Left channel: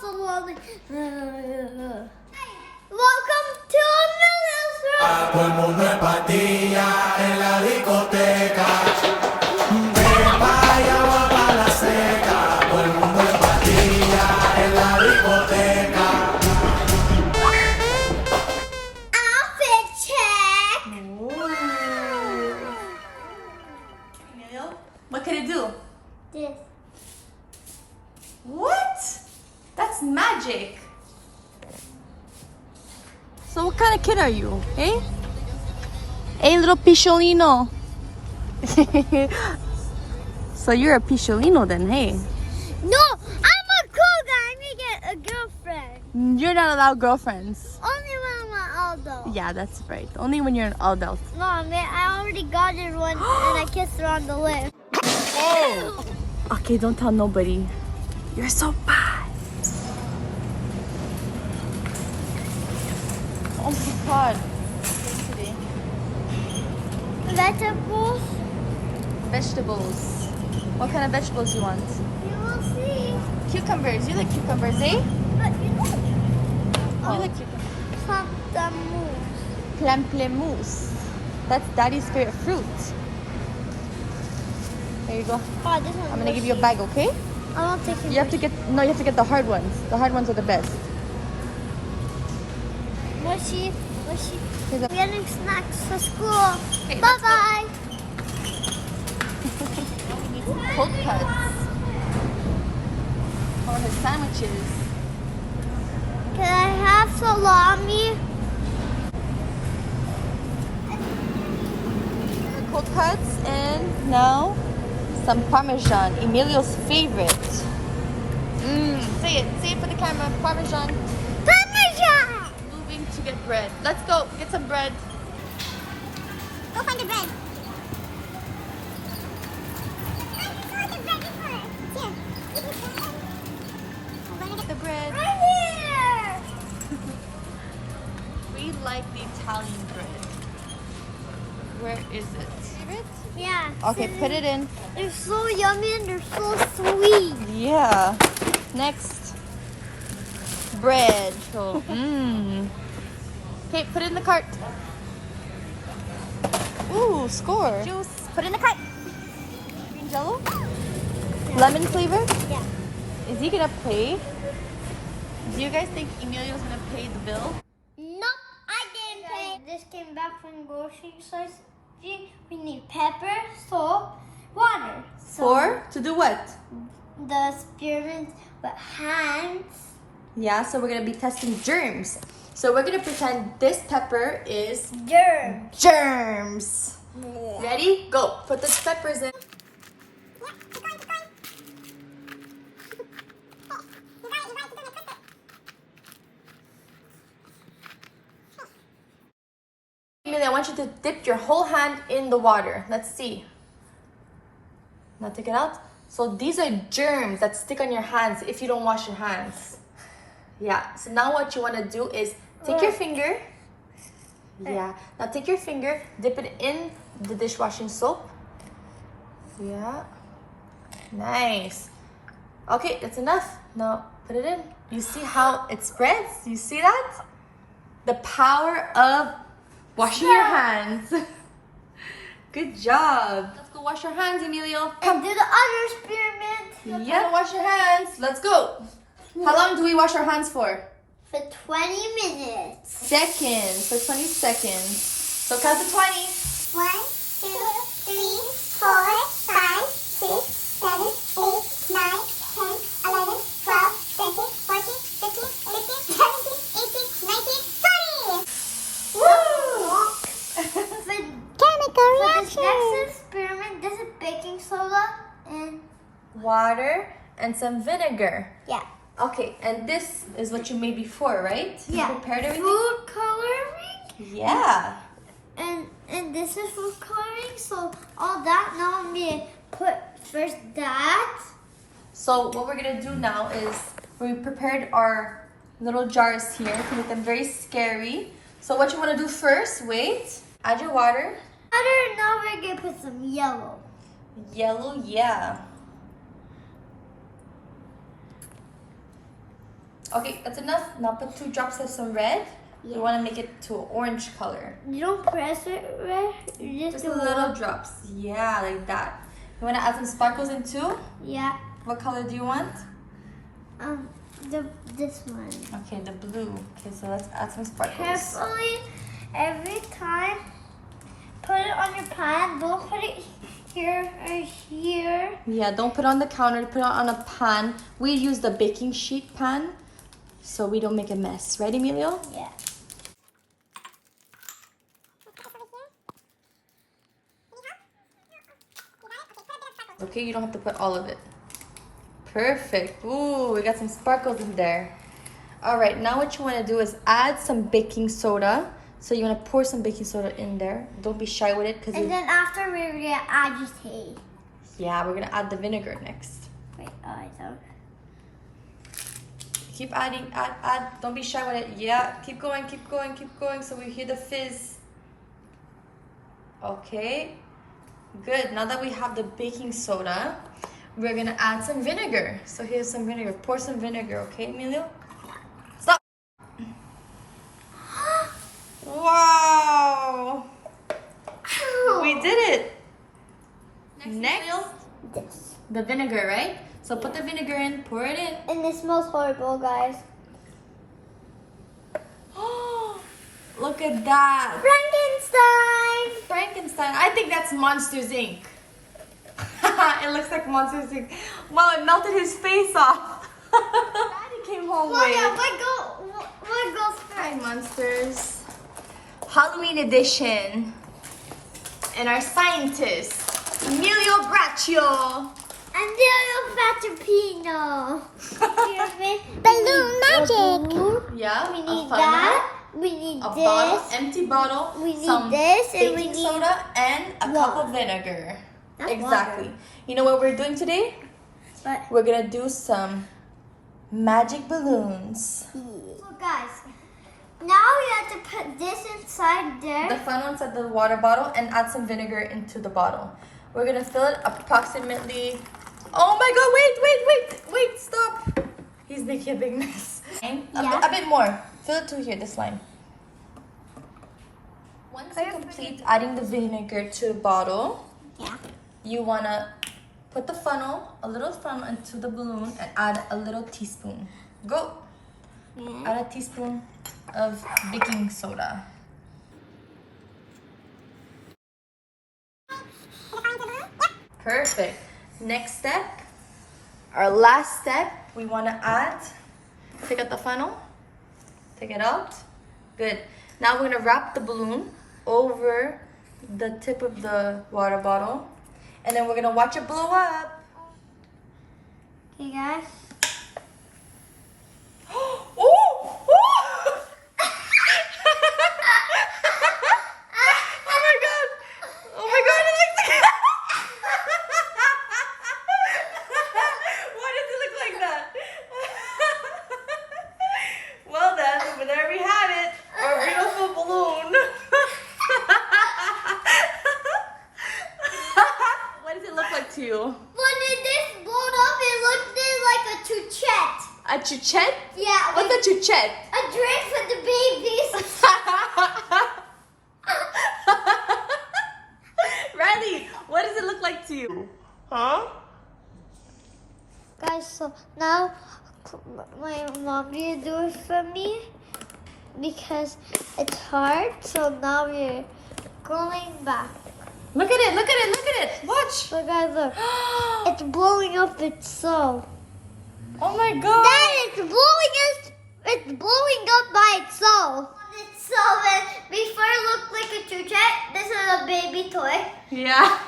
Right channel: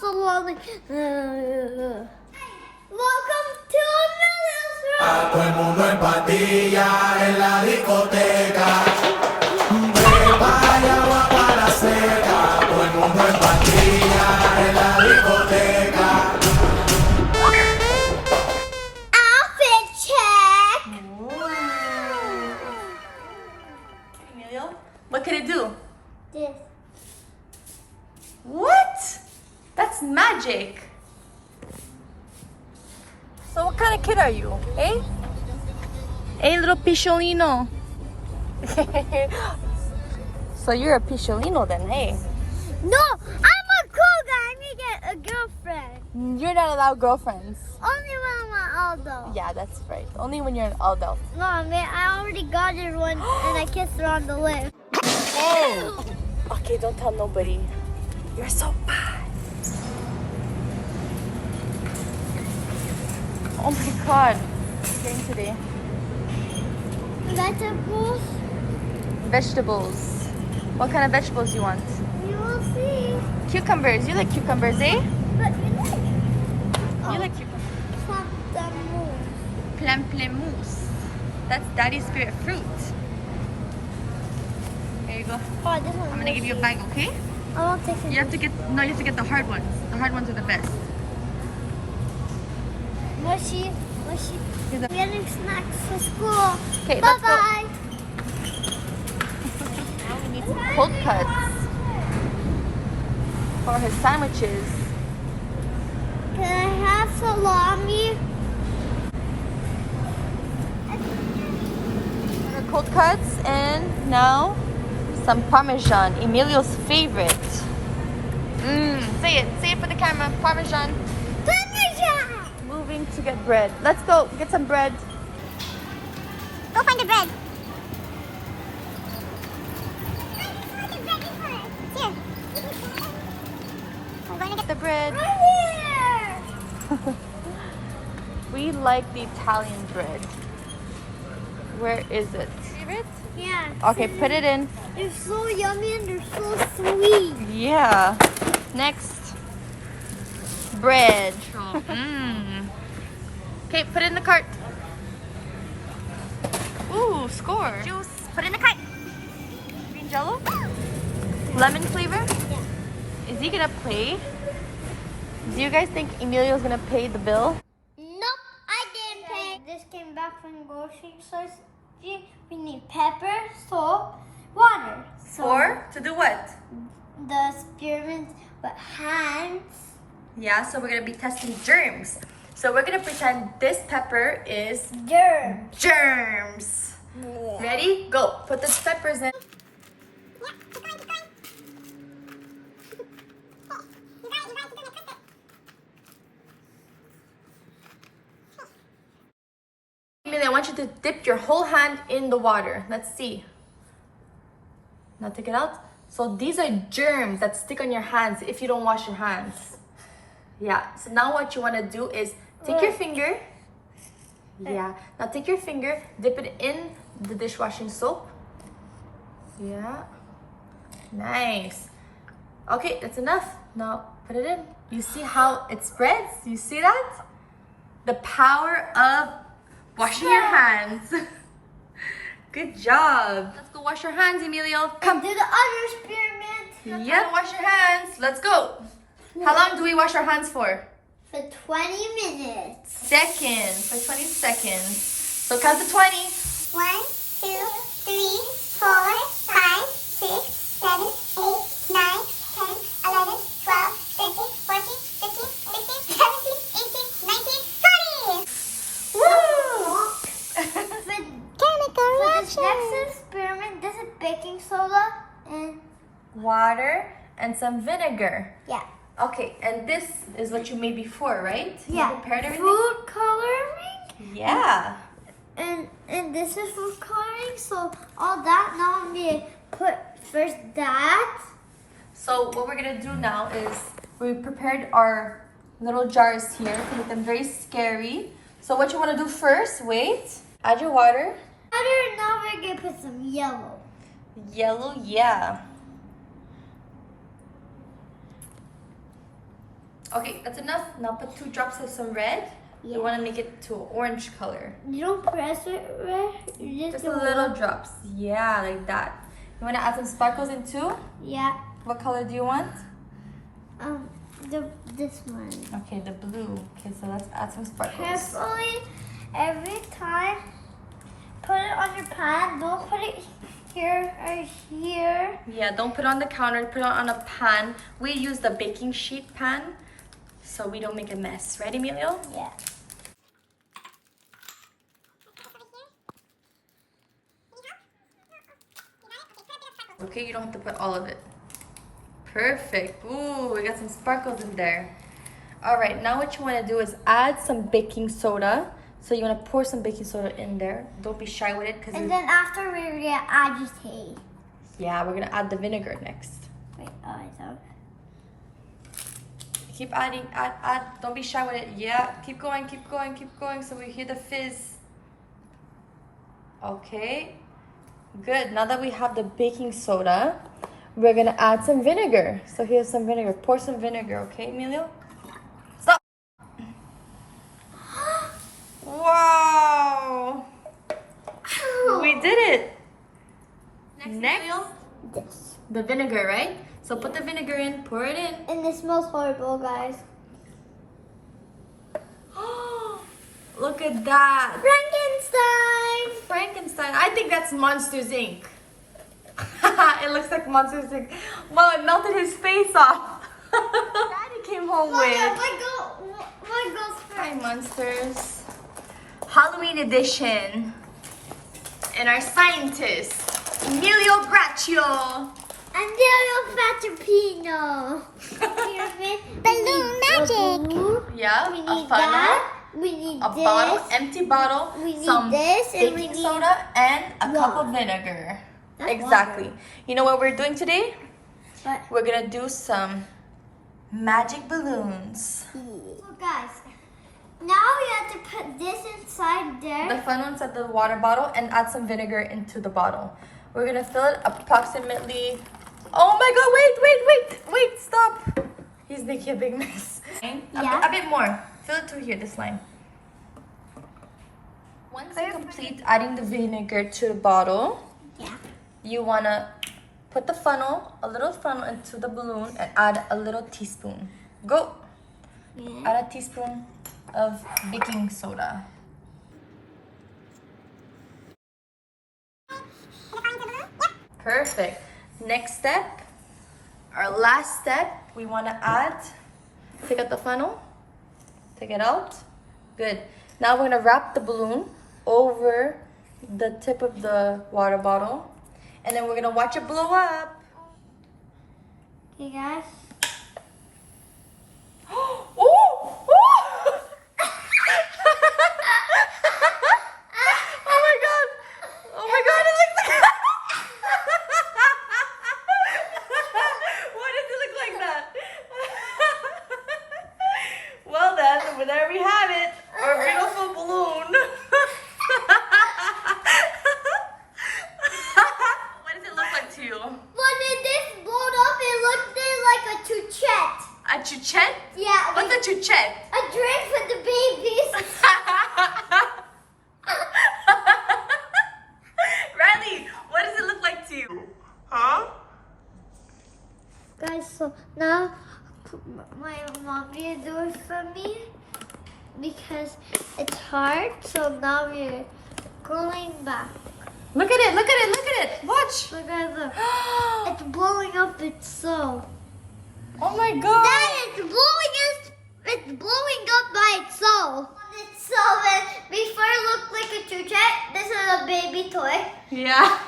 salami. Welcome to Emilio's room. Todo el mundo en patilla en la discoteca. Pepa y agua para la seca. Todo el mundo en patilla en la discoteca. Outfit check. Emilio, what can it do? This. What? That's magic. So what kind of kid are you, eh? Hey, little picciolino. So you're a picciolino then, hey? No, I'm a cool guy. I need to get a girlfriend. You're not allowed girlfriends. Only when I'm an adult. Yeah, that's right. Only when you're an adult. No, man, I already got her one and I kissed her on the lips. Oh! Okay, don't tell nobody. You're so bad. Oh my god. What's getting today? Vegetables. Vegetables. What kind of vegetables you want? You will see. Cucumbers. You like cucumbers, eh? But you know, You like cucumbers. pamplemousse. Pamplemousse. That's daddy's favorite fruit. There you go. Oh, this one's I'm gonna give you a mushy. bag, okay? I won't take it. You have to get the hard ones. The hard ones are the best. Mushy. Okay, We're getting snacks for school. Okay, Bye let's go. bye. Cold cuts. For his sandwiches. Can I have salami? The cold cuts and now some Parmesan. Emilio's favorite. Say it for the camera. Parmesan. Parmesan! Moving to get bread. Let's go get some bread. Go find the bread. We're gonna get the bread. Right here! We like the Italian bread. Where is it? Yeah. Okay, put it in. They're so yummy and they're so sweet. Yeah. Next. Bread. Okay, put it in the cart. Ooh, score. Juice. Put it in the cart. Green Jello. Lemon flavor. Yeah. Is he gonna pay? Do you guys think Emilio's gonna pay the bill? Nope, I didn't pay. This came back from grocery stores. We need pepper, salt, water. To do what? The experiment with hands. Yeah, so we're gonna be testing germs. So we're gonna pretend this pepper is Germs. germs. Ready? Go. Put the peppers in. Emilio, I want you to dip your whole hand in the water. Let's see. Now take it out. So these are germs that stick on your hands if you don't wash your hands. Yeah, so now what you want to do is take your finger. Yeah, now take your finger, dip it in the dishwashing soap. Yeah, nice. Okay, that's enough. Now put it in. You see how it spreads? You see that? The power of washing your hands. Good job. Let's go wash your hands, Emilio. And do the other experiment. Yep. Wash your hands. Let's go. How long do we wash our hands for? For 20 minutes. Seconds. For 20 seconds. So count to 20. 1, 2, 3, 4, 5, 6, 7, 8, 9, 10, 11, 12, 13, 14, 15, 16, 17, 18, 19, 20! Woo! Chemical reaction. For this next experiment, this is baking soda and Water and some vinegar. yeah. Okay, and this is what you made before, right? Yeah. You prepared everything? Food coloring. Yeah. And this is food coloring, so all that now I'm gonna put first that. So what we're gonna do now is we prepared our little jars here to make them very scary. So what you wanna do first, wait, add your water. Now we're gonna put some yellow. Yellow, yeah. Okay, that's enough. Now put 2 drops of some red. Yeah. You want to make it to an orange color. You don't press it, right? You Just a little drops. Yeah, like that. You want to add some sparkles in too? Yeah. What color do you want? This one. Okay, the blue. Okay, so let's add some sparkles. Carefully, every time, put it on your pan. Don't put it here or here. Yeah, don't put it on the counter. Put it on a pan. We use the baking sheet pan, so we don't make a mess. Right, Emilio? Yeah. Okay, you don't have to put all of it. Perfect. Ooh, we got some sparkles in there. All right, now what you want to do is add some baking soda. So you want to pour some baking soda in there. Don't be shy with it. And then after we're gonna agitate. Yeah, we're going to add the vinegar next. Wait, oh, I don't. Keep adding, add. Don't be shy with it. Yeah, keep going, keep going, keep going. So we hear the fizz. Okay, good. Now that we have the baking soda, we're gonna add some vinegar. So here's some vinegar. Pour some vinegar, okay, Emilio? Stop. Wow. We did it. Next, This. the vinegar, right? So put the vinegar in, pour it in. And it smells horrible, guys. Look at that. Frankenstein! Frankenstein. I think that's Monsters Inc. It looks like Monsters Inc. Well, it melted his face off. Daddy came home with. What goes Hi, first? monsters. Halloween edition. And our scientist, Emilio Braccio. Emilio Fatapino. Balloon magic. Yeah, We a need funnel, that. We need a this. bottle, empty bottle, We need some this, and we baking need soda, and a cup water. of vinegar. Not Exactly. water. You know what we're doing today? But We're gonna do some magic balloons. so guys, now we have to put this inside The there. funnel inside the water bottle and add some vinegar into the bottle. We're gonna fill it approximately. Oh my god! Wait! Stop! He's making a big mess. Yeah. A bit more. Fill it to here. This line. Once you complete adding the vinegar to the bottle, Yeah. you wanna put the funnel, a little funnel, into the balloon and add a little teaspoon. Go. Yeah. Add a teaspoon of baking soda. Perfect. Next step, our last step, we want to add, take out the funnel, take it out. Good. Now we're going to wrap the balloon over the tip of the water bottle, and then we're going to watch it blow up. Okay, guys. Oh! Oh! Oh my god! Oh my god, it looks like Why does it look like that? Well then, there we have it. Our beautiful balloon. What does it look like to you? When this blown up, it looked like a chuchette. A chuchette? Yeah, What's a chuchette? a drink for the babies. Riley, what does it look like to you? Huh? Guys, so now my mom will do it for me because it's hard. So now we're going back. Look at it, look at it, look at it. Watch. So guys, look, it's blowing up itself. Oh my god. Then it's blowing up by itself. Before it looked like a chuchet, this is a baby toy. Yeah.